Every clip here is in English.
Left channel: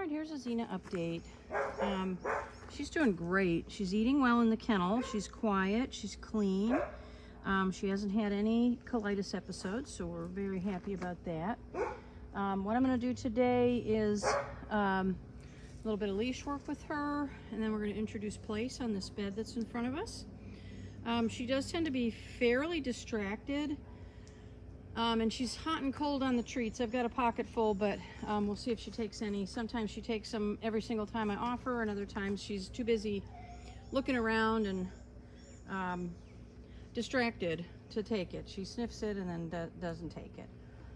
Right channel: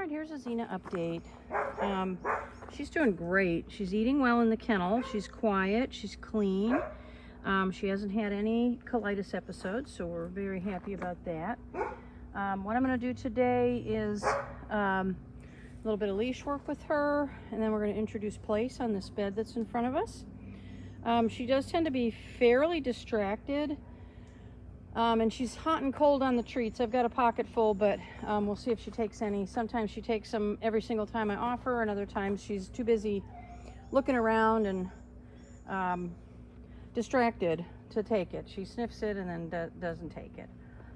All right, here's a Zena update. She's doing great. She's eating well in the kennel. She's quiet. She's clean. She hasn't had any colitis episodes, so we're very happy about that. What I'm going to do today is a little bit of leash work with her, and then we're going to introduce place on this bed that's in front of us. She does tend to be fairly distracted, and she's hot and cold on the treats. I've got a pocket full, but we'll see if she takes any. Sometimes she takes them every single time I offer, and other times she's too busy looking around and distracted to take it. She sniffs it and then doesn't take it.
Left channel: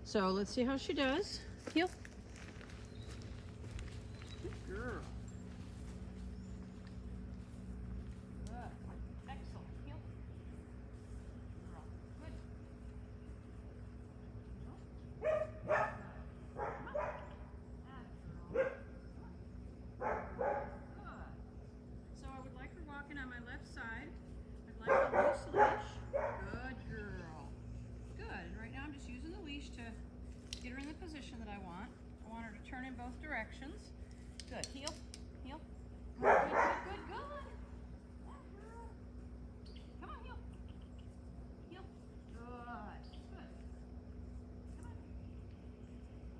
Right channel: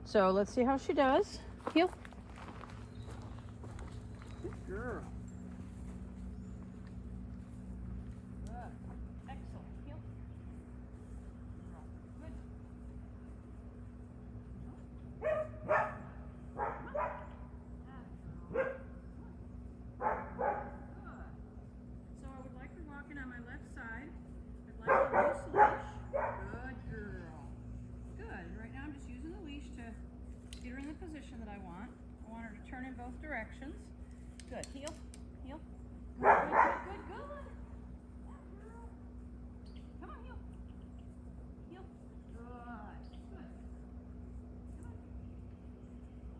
So let's see how she does. Heel. Good girl. Good. Excellent. Heel. Girl. Good. No. Come on. Ah, girl. Come on. Good. So I would like her walking on my left side. I'd like a loose leash. Good girl. Good. And right now I'm just using the leash to get her in the position that I want. I want her to turn in both directions. Good. Heel. Heel. Good, good, good, good, good. That girl. Come on, heel. Heel. Good. Good. Come on.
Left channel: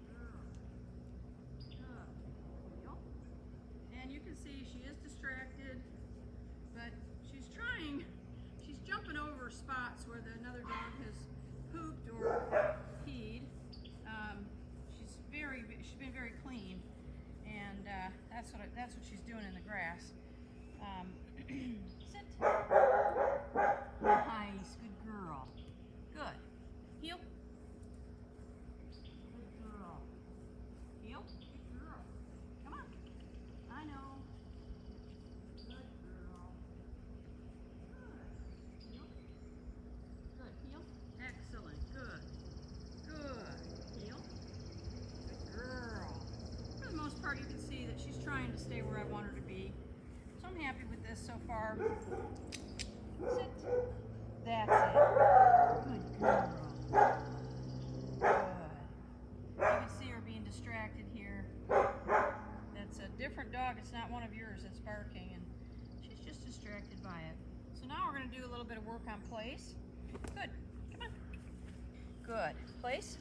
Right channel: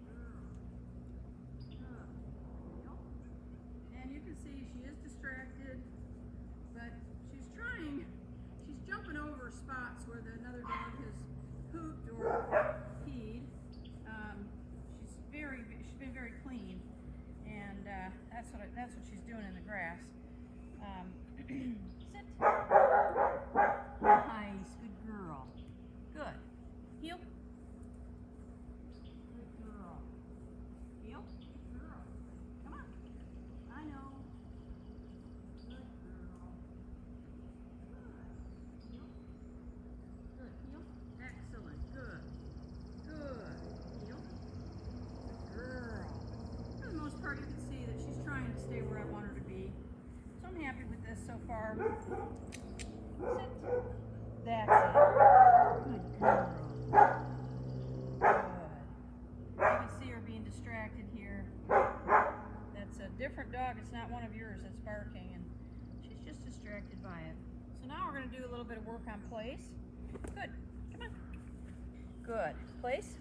Girl. Good. Heel. And you can see she is distracted, but she's trying. She's jumping over spots where another dog has pooped or peed. She's been very clean, and that's what she's doing in the grass. Sit. Nice, good girl. Good. Heel. Good girl. Heel. Good girl. Come on. I know. Good girl. Good. Heel. Good. Heel. Excellent. Good. Good. Heel. Good girl. For the most part, you can see that she's trying to stay where I want her to be. So I'm happy with this so far. Sit. That's it. Good girl. Good. You can see her being distracted here. That's a different dog. It's not one of yours that's barking, and she's just distracted by it. So now we're going to do a little bit of work on place. Good. Come on. Good. Place.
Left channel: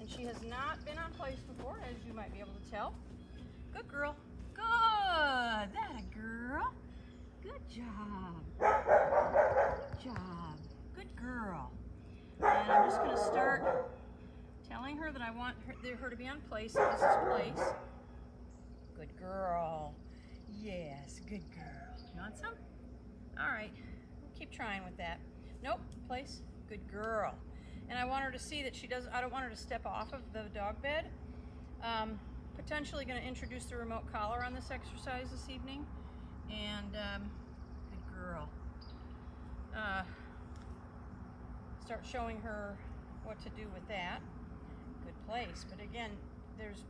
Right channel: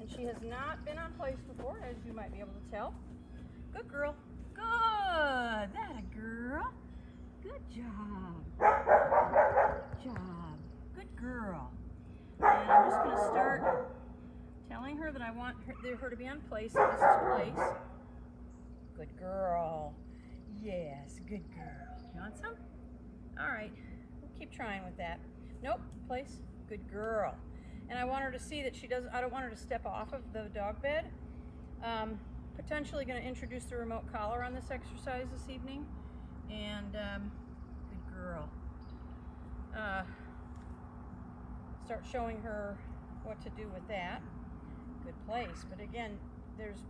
And she has not been on place before, as you might be able to tell. Good girl. Good. That a girl. Good job. Good job. Good girl. And I'm just going to start telling her that I want her to be on place. So this is place. Good girl. Yes, good girl. You want some? All right. We'll keep trying with that. Nope. Place. Good girl. And I want her to see that I don't want her to step off of the dog bed. Potentially going to introduce the remote collar on this exercise this evening. And good girl. Start showing her what to do with that. Good place. But again, there's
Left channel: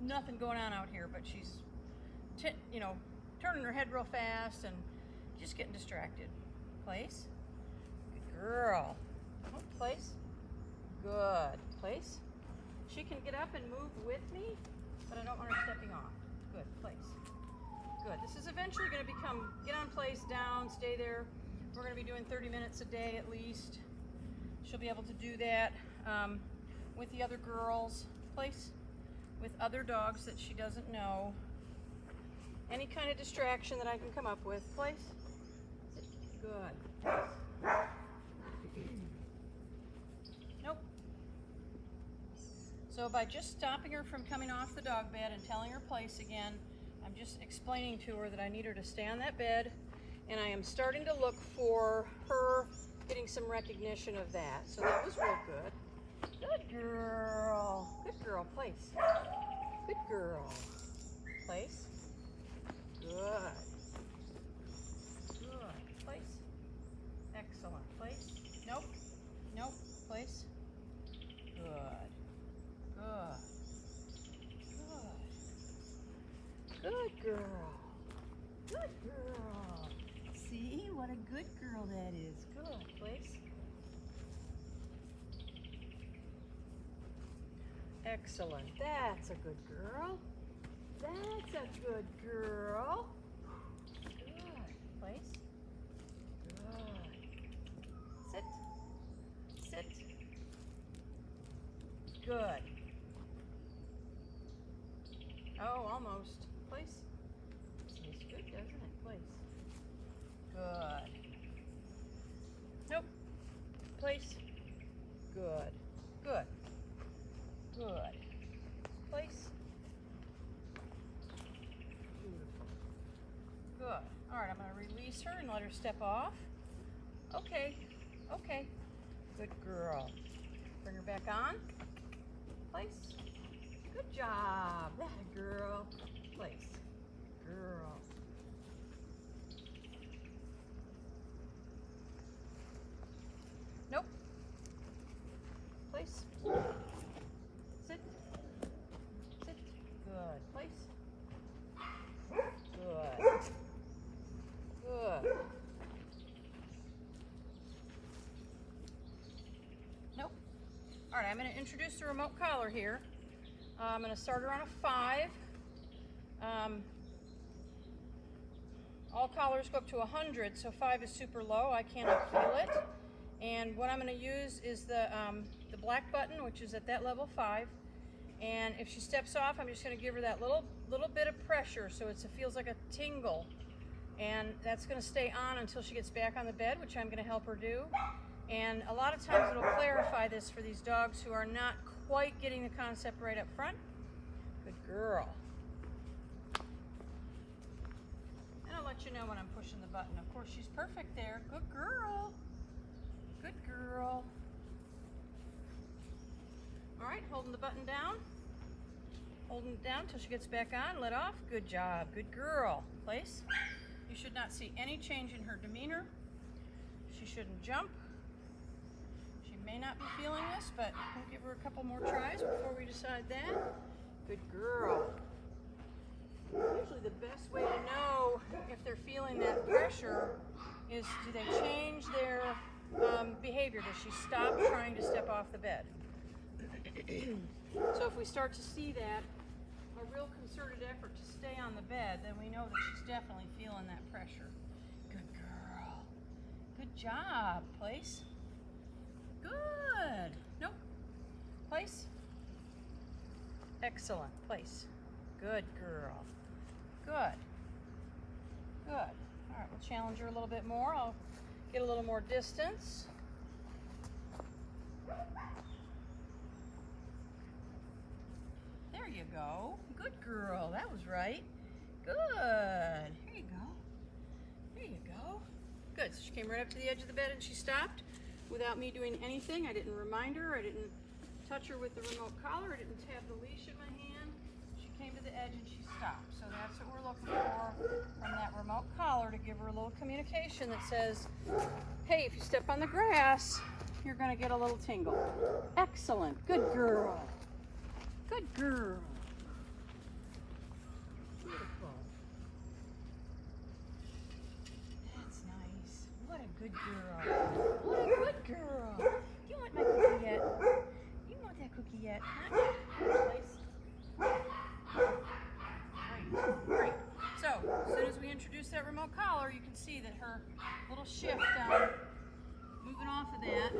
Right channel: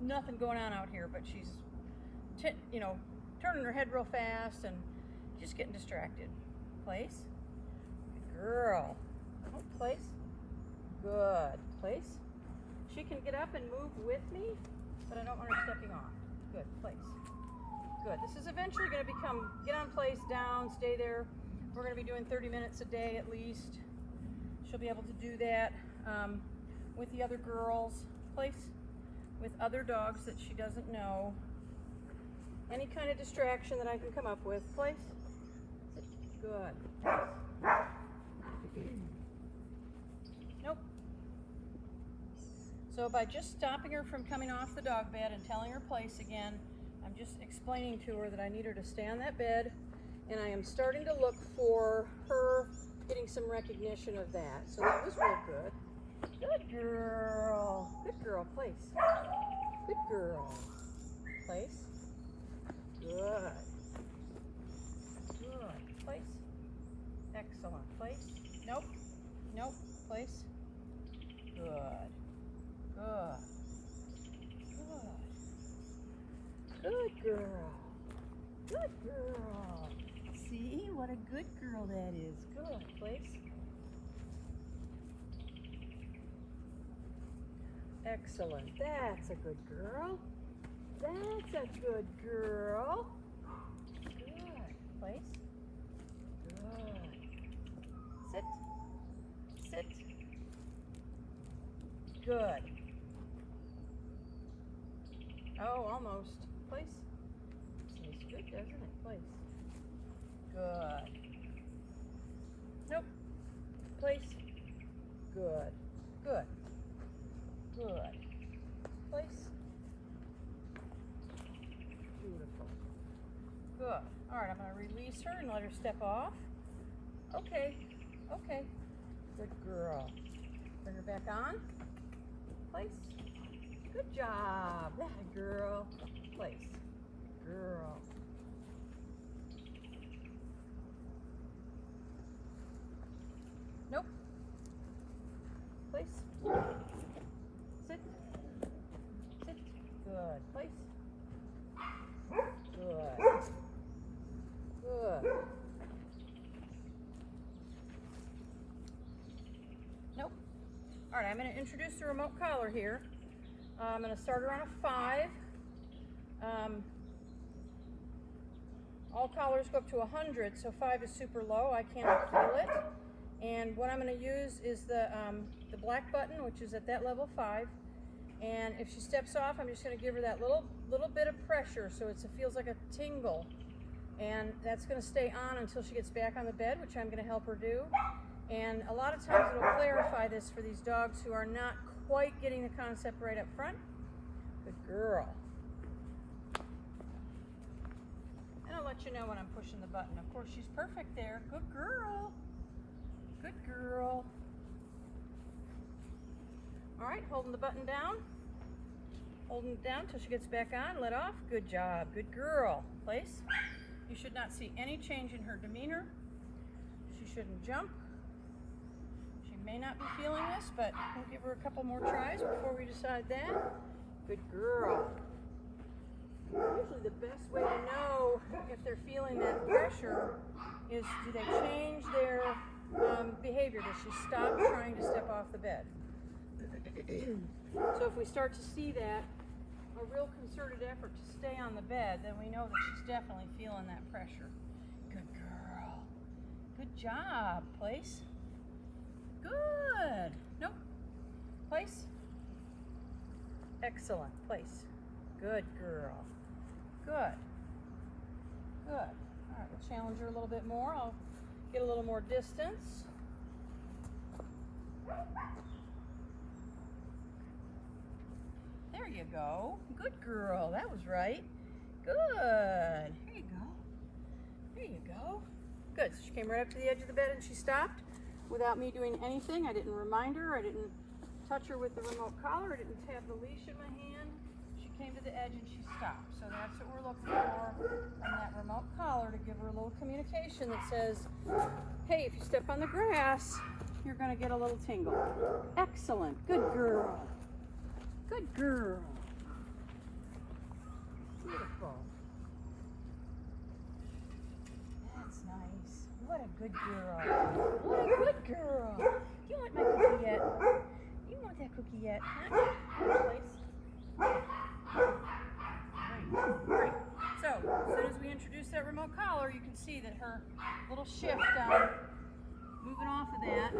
nothing going on out here, but she's, turning her head real fast and just getting distracted. Place. Good girl. Oh, place. Good. Place. She can get up and move with me, but I don't want her stepping off. Good. Place. Good. This is eventually going to become get on place, down, stay there. We're going to be doing 30 minutes a day at least. She'll be able to do that with the other girls. Place. With other dogs that she doesn't know. Any kind of distraction that I can come up with. Place. Good. Nope. So by just stopping her from coming off the dog bed and telling her place again, I'm just explaining to her that I need her to stay on that bed, and I am starting to look for her getting some recognition of that. So that was real good. Good girl. Good girl. Place. Good girl. Place. Good. Good. Place. Excellent. Place. Nope. Nope. Place. Good. Good. Good. Good girl. Good girl. See what a good girl that is. Good. Place. Excellent. That's a good girl. That's a good girl. Good. Place. Good. Sit. Sit. Good. Oh, almost. Place. Tastes good, doesn't it? Place. Good. Nope. Place. Good. Good. Good. Place. Beautiful. Good. All right, I'm going to release her and let her step off. Okay. Okay. Good girl. Bring her back on. Place. Good job. That girl. Place. Girl. Nope. Place. Sit. Sit. Good. Place. Good. Good. Nope. All right, I'm going to introduce the remote collar here. I'm going to start her on a 5. All collars go up to 100, so 5 is super low. I cannot feel it. And what I'm going to use is the black button, which is at that level 5. And if she steps off, I'm just going to give her that little bit of pressure, so it feels like a tingle. And that's going to stay on until she gets back on the bed, which I'm going to help her do. And a lot of times it'll clarify this for these dogs who are not quite getting the concept right up front. Good girl. And I'll let you know when I'm pushing the button. Of course, she's perfect there. Good girl. Good girl. All right, holding the button down. Holding it down until she gets back on. Let off. Good job. Good girl. Place. You should not see any change in her demeanor. She shouldn't jump. She may not be feeling this, but we'll give her a couple more tries before we decide that. Good girl. Usually the best way to know if they're feeling that pressure is, do they change their behavior? Does she stop trying to step off the bed? So if we start to see that, a real concerted effort to stay on the bed, then we know that she's definitely feeling that pressure. Good girl. Good job. Place. Good. Nope. Place. Excellent. Place. Good girl. Good. Good. All right, we'll challenge her a little bit more. I'll get a little more distance. There you go. Good girl. That was right. Good. Here you go. There you go. Good. So she came right up to the edge of the bed and she stopped without me doing anything. I didn't remind her. I didn't touch her with the remote collar. I didn't have the leash in my hand. She came to the edge and she stopped. So that's what we're looking for from that remote collar, to give her a little communication that says, hey, if you step on the grass, you're going to get a little tingle. Excellent. Good girl. Good girl. Beautiful. That's nice. What a good girl. What a good girl. Do you want my cookie yet? You want that cookie yet? Huh? Place. Great. Great. So, as soon as we introduce that remote collar, you can see that her little shift, moving off of that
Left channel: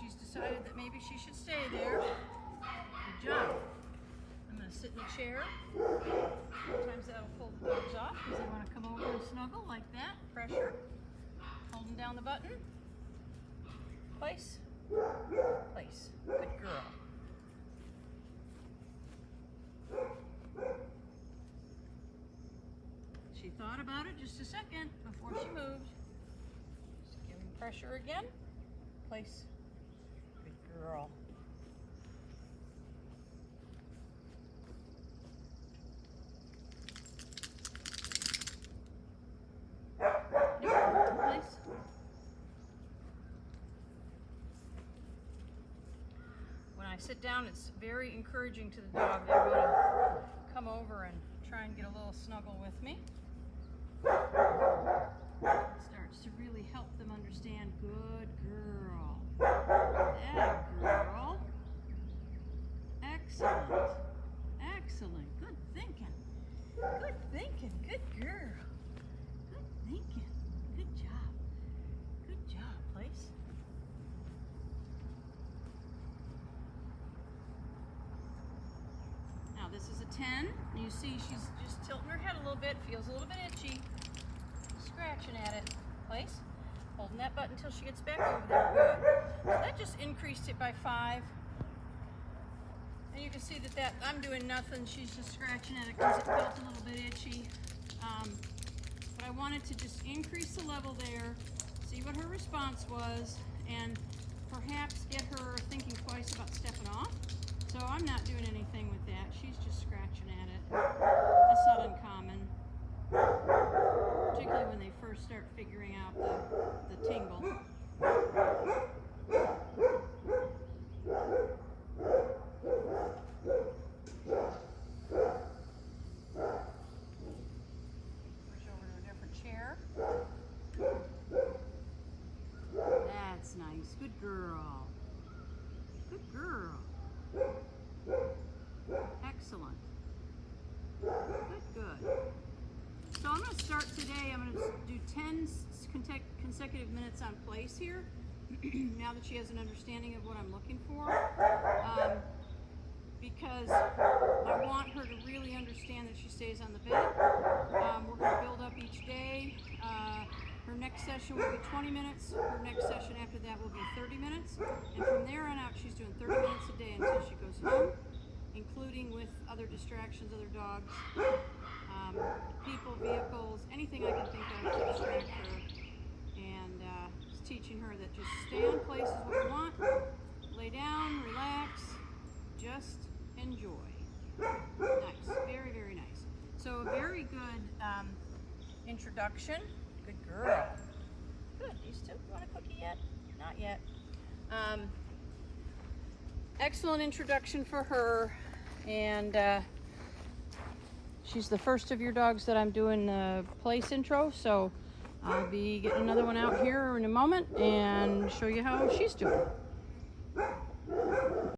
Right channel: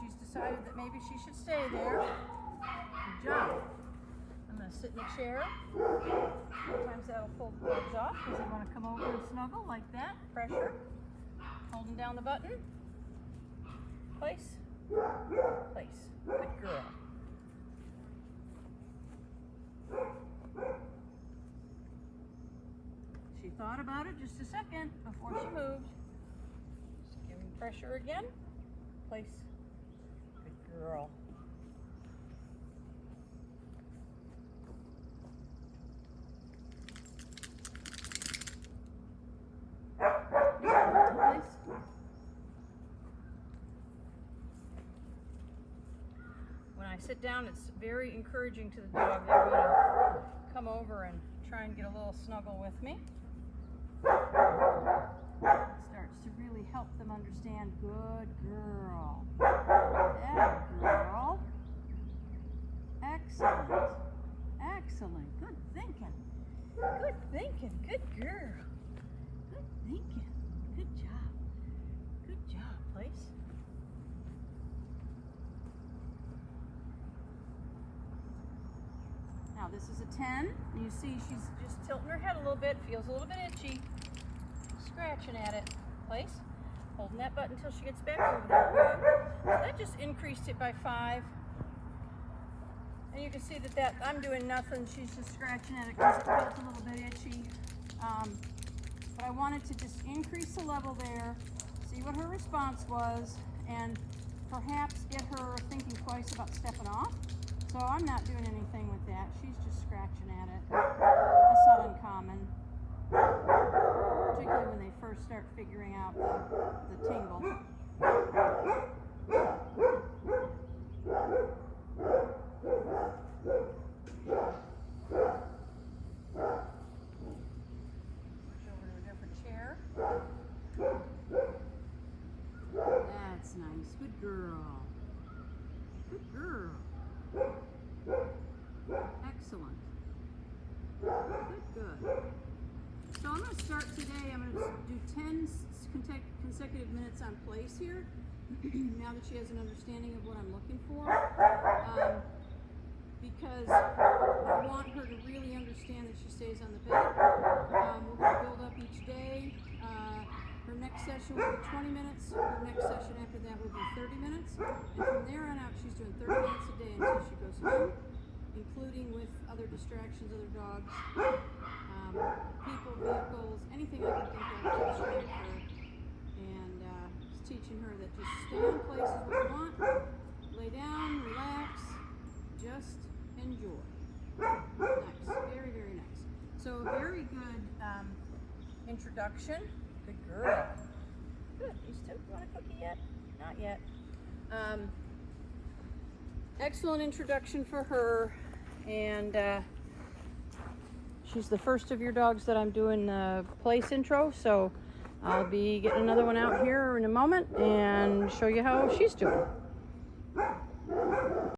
she's decided that maybe she should stay there. Good job. I'm going to sit in the chair. Sometimes that'll pull the dogs off because they want to come over and snuggle like that. Pressure. Holding down the button. Place. Place. Good girl. She thought about it just a second before she moved. Just giving pressure again. Place. Good girl. Place. When I sit down, it's very encouraging to the dog. They want to come over and try and get a little snuggle with me. It starts to really help them understand. Good girl. That girl. Excellent. Excellent. Excellent. Good thinking. Good thinking. Good girl. Good thinking. Good job. Good job, Place. Now this is a 10. You see she's just tilting her head a little bit. Feels a little bit itchy. Scratching at it. Place. Holding that button until she gets back over there. Good. Now that just increased it by 5. And you can see that I'm doing nothing. She's just scratching at it because it felt a little bit itchy. But I wanted to just increase the level there, see what her response was, and perhaps get her thinking twice about stepping off. So I'm not doing anything with that. She's just scratching at it. That's not uncommon, particularly when they first start figuring out the tingle. Switch over to a different chair. That's nice. Good girl. Good girl. Excellent. Good. So I'm going to start today. I'm going to do 10 consecutive minutes on Place here. Now that she has an understanding of what I'm looking for. Because I want her to really understand that she stays on the bed. We're going to build up each day. Her next session will be 20 minutes. Her next session after that will be 30 minutes. And from there on out, she's doing 30 minutes a day until she goes home, including with other distractions, other dogs, people, vehicles, anything I can think of to distract her. And just teaching her that just stay on Place is what you want. Lay down, relax, just enjoy. Nice, very, very nice. So a very good introduction. Good girl. Good. These two, you want a cookie yet? Not yet. Excellent introduction for her, and she's the first of your dogs that I'm doing the Place intro, so I'll be getting another one out here in a moment and show you how she's doing.